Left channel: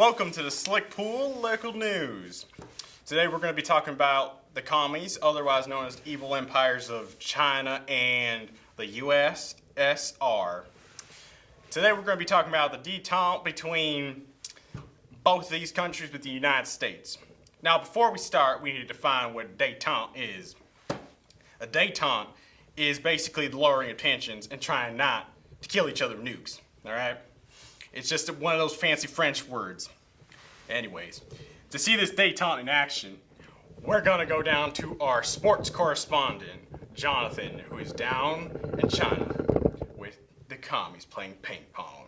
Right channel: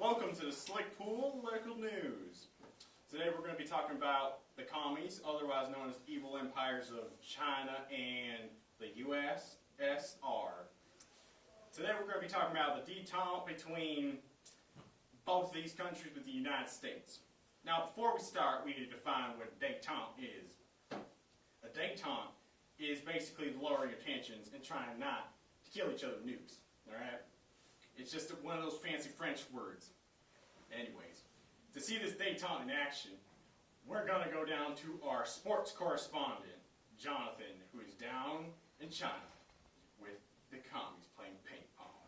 Welcome to the Slick Pool Local News. Today we're going to be talking about the commies, otherwise known as evil empires of China and the USSR. Today we're going to be talking about the detente between both of these countries with the United States. Now before we start, we need to define what a detente is. A detente is basically lowering of tensions and trying not to kill each other with nukes, alright? It's just one of those fancy French words. Anyways, to see this detente in action, we're gonna go down to our sports correspondent, Jonathan, who is down in China with the commies playing ping pong.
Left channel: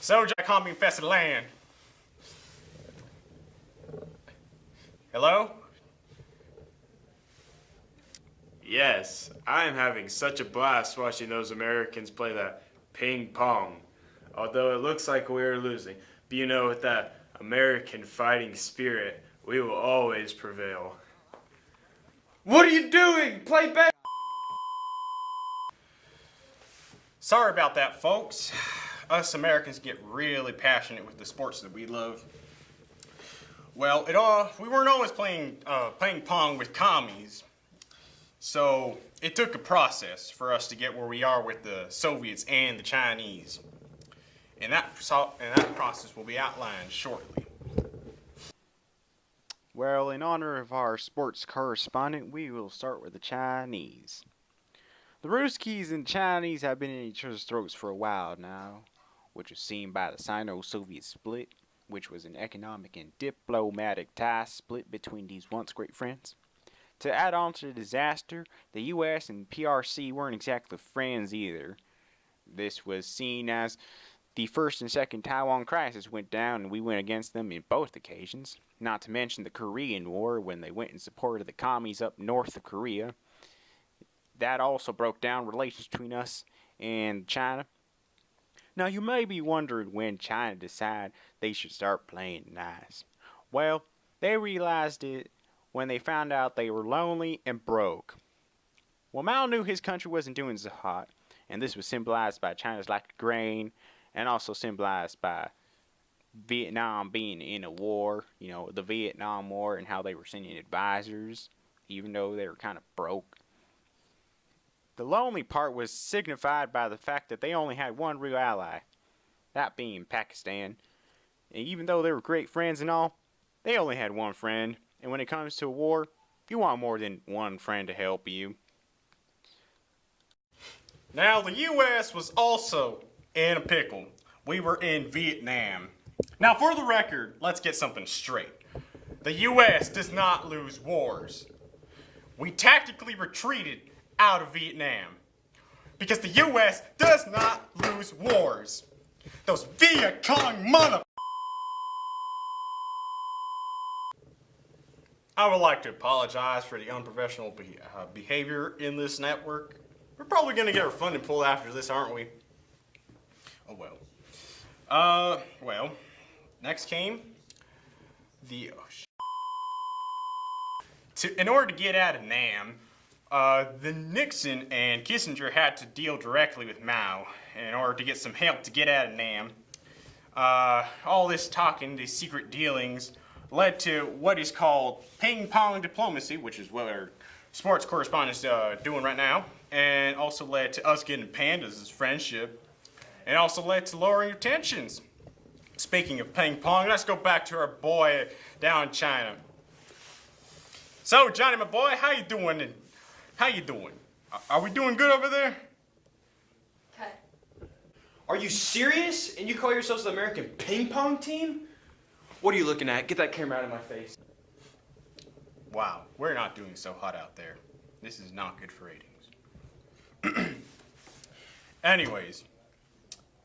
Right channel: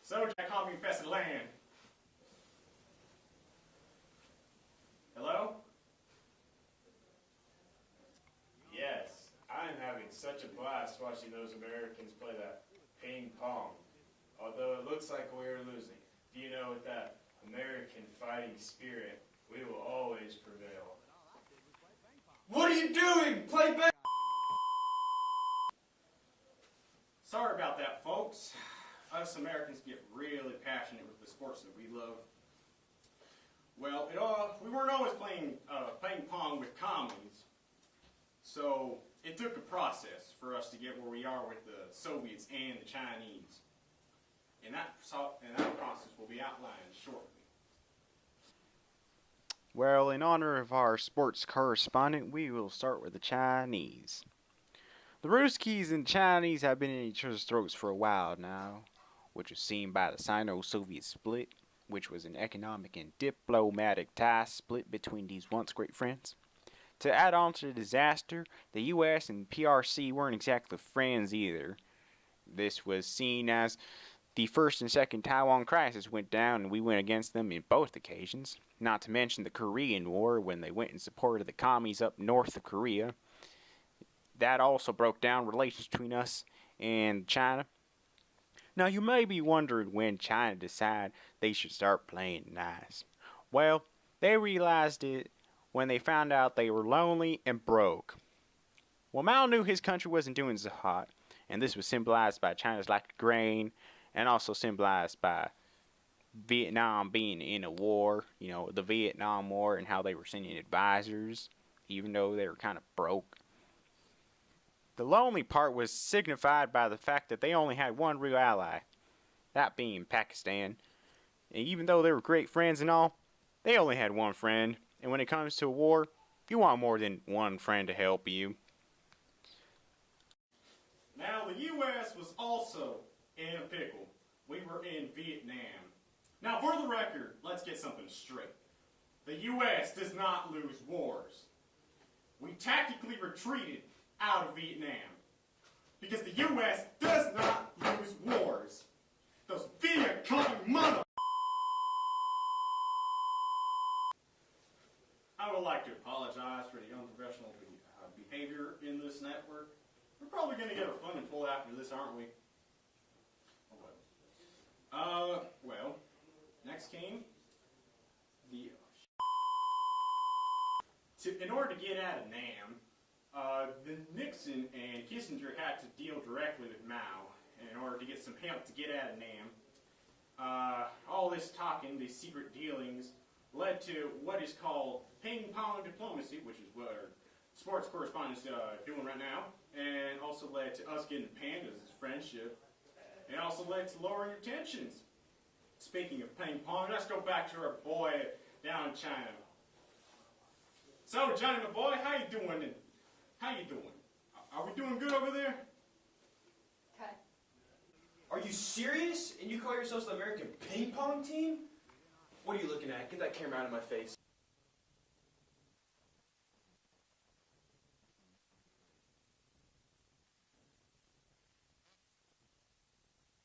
So, commie infested land. Hello? Yes, I am having such a blast watching those Americans play that ping pong. Although it looks like we're losing. But you know, with that American fighting spirit, we will always prevail. What are you doing? Play back! Sorry about that, folks. Us Americans get really passionate with the sports that we love. Well, we weren't always playing ping pong with commies. So it took a process for us to get where we are with the Soviets and the Chinese. And that process will be outlined shortly. Well, in honor of our sports correspondent, we will start with the Chinese. The Ruskies and Chinese have been in each other's throats for a while now, which was seen by the Sino-Soviet split, which was an economic and diplomatic tie split between these once great friends. To add on to the disaster, the US and PRC weren't exactly friends either. This was seen as the first and second Taiwan crisis went down and we went against them in both occasions. Not to mention the Korean War when they went in support of the commies up north of Korea. That also broke down relations between us and China. Now you may be wondering when China decided they should start playing nice. Well, they realized it when they found out they were lonely and broke. Well, Mao knew his country wasn't doing so hot, and this was symbolized by China's lack of grain, and also symbolized by Vietnam being in a war, you know, the Vietnam War, and how they were sending advisors, even though they were kind of broke. The lonely part was signified by the fact that they only had one real ally, that being Pakistan. And even though they were great friends and all, they only had one friend. And when it comes to a war, you want more than one friend to help you. Now, the U.S. was also in a pickle. We were in Vietnam. Now, for the record, let's get something straight. The U.S. does not lose wars. We tactically retreated out of Vietnam because the U.S. does not lose wars. Those Viet Cong mother... I would like to apologize for the unprofessional behavior in this network. We're probably going to get our funding pulled after this, aren't we? Oh well. Well, next came the... in order to get out of Nam, the Nixon and Kissinger had to deal directly with Mao in order to get some help to get out of Nam. All this talking, these secret dealings, led to what is called ping pong diplomacy, which is what our sports correspondent's doing right now, and also led to us getting pandas as friendship, and also led to lowering of tensions. Speaking of ping pong, let's go back to our boy down in China. So, Johnny, my boy, how you doing? How you doing? Are we doing good over there? Okay. Are you serious? And you call yourselves the American ping pong team? What are you looking at? Get that camera out of my face. Wow, we're not doing so hot out there. This is not good for ratings. Anyways,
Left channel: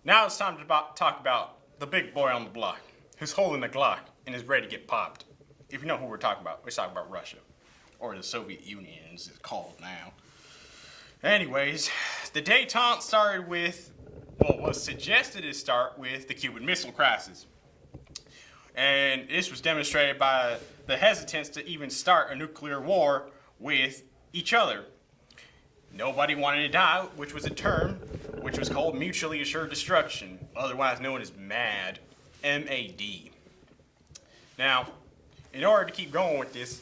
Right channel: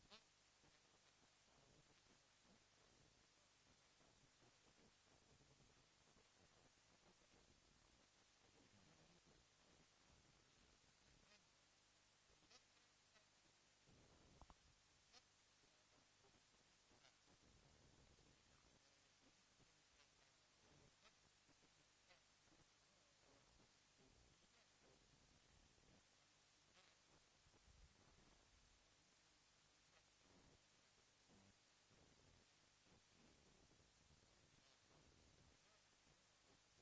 now it's time to talk about the big boy on the block, who's holding the Glock and is ready to get popped. If you know who we're talking about Russia, or the Soviet Union as it's called now. Anyways, the detente started with, well, was suggested to start with the Cuban Missile Crisis. And this was demonstrated by the hesitance to even start a nuclear war with each other. Nobody wanted to die, which was a term which was called mutually assured destruction, otherwise known as MAD. MAD. Now, in order to keep going with this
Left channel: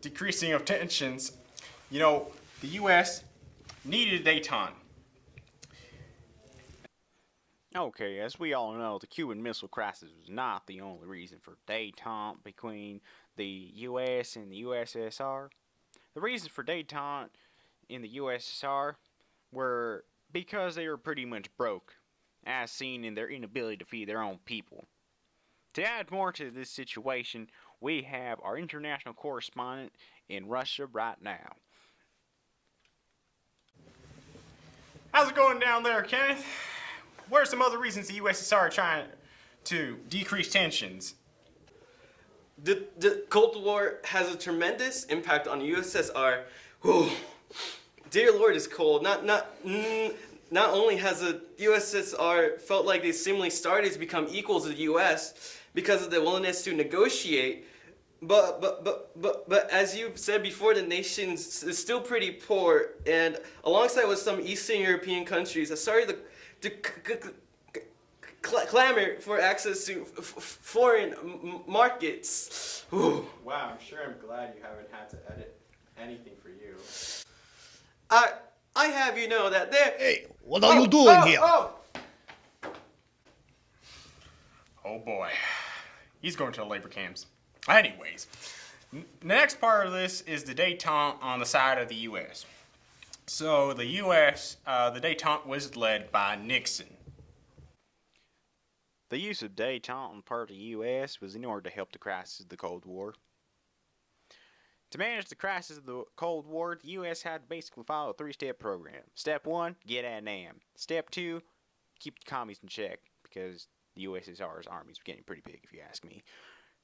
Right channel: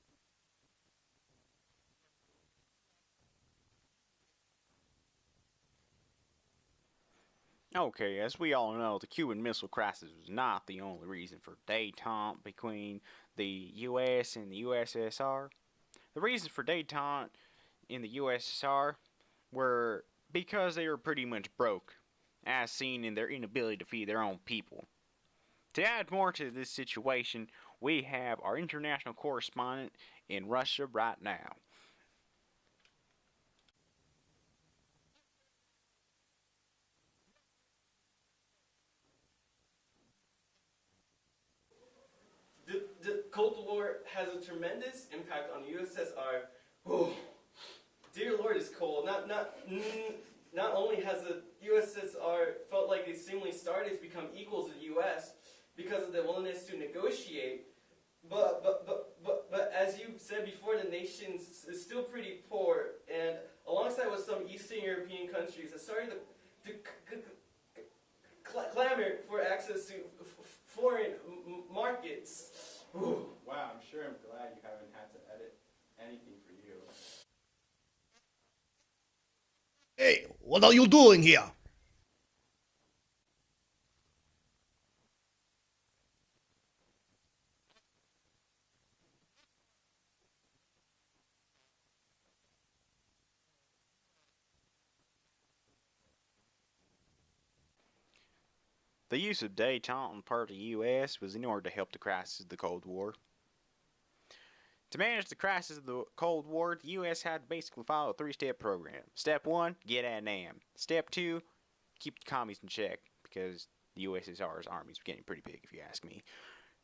decreasing of tensions, you know, the U.S. needed detente. Okay, as we all know, the Cuban Missile Crisis was not the only reason for detente between the U.S. and the USSR. The reasons for detente in the USSR were because they were pretty much broke, as seen in their inability to feed their own people. To add more to this situation, we have our international correspondent in Russia right now. How's it going down there, Kenneth? What are some other reasons the USSR are trying to decrease tensions? The Cold War has a tremendous impact on the USSR. Whew. Dear Lord, it's cold. Not only has the USSR felt like they seemingly started to become equals to the US because of the willingness to negotiate, but as you said before, the nation is still pretty poor, and alongside with some Eastern European countries, are starting to clamor for access to foreign markets. Ooh. Wow, I'm sure I'm glad you haven't had to edit anything for you. I have you know that there. Hey, what are you doing here? Oh boy, he's going to the labor camps. Anyways, the next part of this is the detente on the side of the U.S. So the U.S., the detente was led by Nixon. The use of detente on the part of the U.S. was in order to help the crisis of the Cold War. To manage the crisis of the Cold War, the U.S. had to basically follow a three-step program. Step 1, get at NAM. Step 2, keep the commies in check, because the USSR's armies were getting pretty big, if you ask me.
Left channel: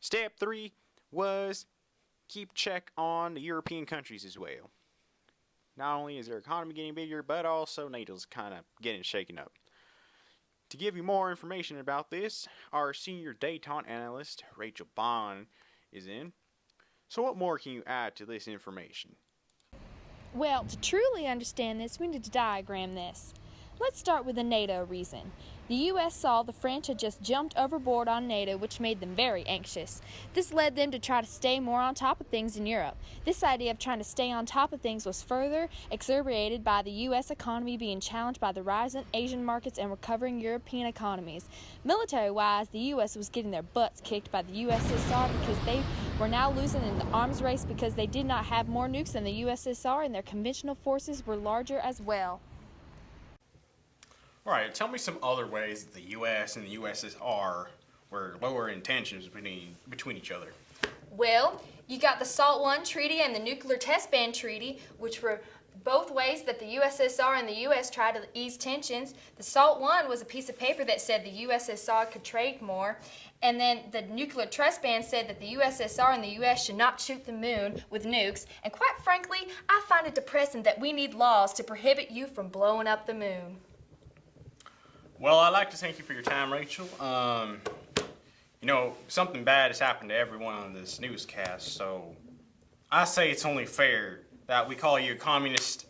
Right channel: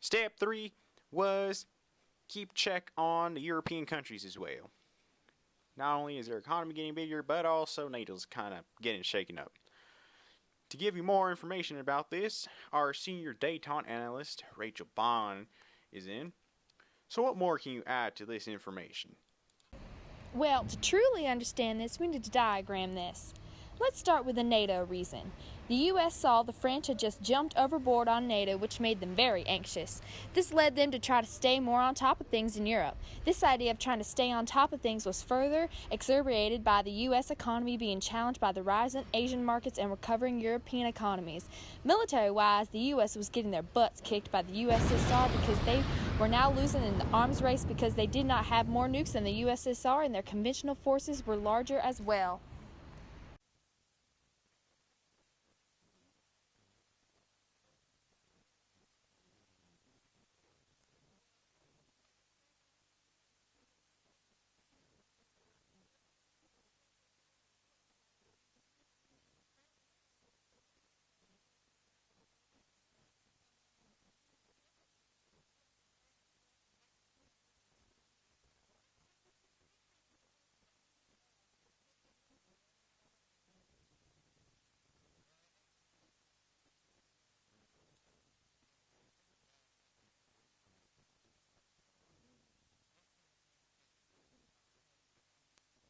Step 3 was keep check on the European countries as well. Not only is their economy getting bigger, but also NATO's kind of getting shaken up. To give you more information about this, our senior detente analyst, Rachel Bond, is in. So what more can you add to this information? Well, to truly understand this, we need to diagram this. Let's start with the NATO reason. The U.S. saw the French had just jumped overboard on NATO, which made them very anxious. This led them to try to stay more on top of things in Europe. This idea of trying to stay on top of things was further exacerbated by the U.S. economy being challenged by the rise in Asian markets and recovering European economies. Military-wise, the U.S. was getting their butts kicked by the USSR because they were now losing in the arms race because they did not have more nukes than the USSR and their conventional forces were larger as well. All right, tell me some other ways that the U.S. and the USSR were lowering tensions between each other. Well, you got the SALT I Treaty and the Nuclear Test Ban Treaty, which were both ways that the USSR and the U.S. tried to ease tensions. The SALT I was a piece of paper that said the USSR could trade more, and then the Nuclear Test Ban said that the USSR and the U.S. should not shoot the moon with nukes, and quite frankly, I find it depressing that we need laws to prohibit you from blowing up the moon. Well, I'd like to thank you for your time, Rachel. You know, something bad has happened to everyone on this newscast, so I say it's only fair that we call you a communist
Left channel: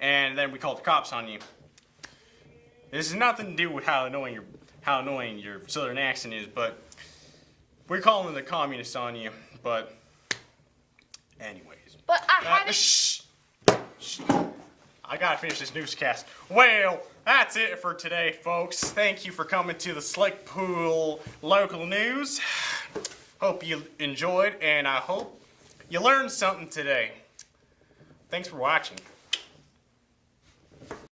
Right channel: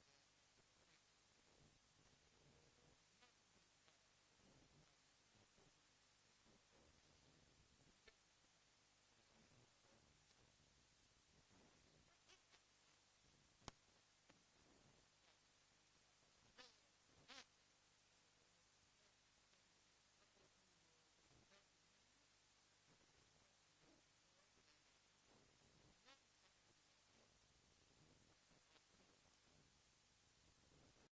and then we call the cops on you. This has nothing to do with how annoying your southern accent is, but we're calling the communists on you. But anyways. But I haven't... Shh. I gotta finish this newscast. Well, that's it for today, folks. Thank you for coming to the Slick Pool Local News. Hope you enjoyed, and I hope you learned something today. Thanks for watching.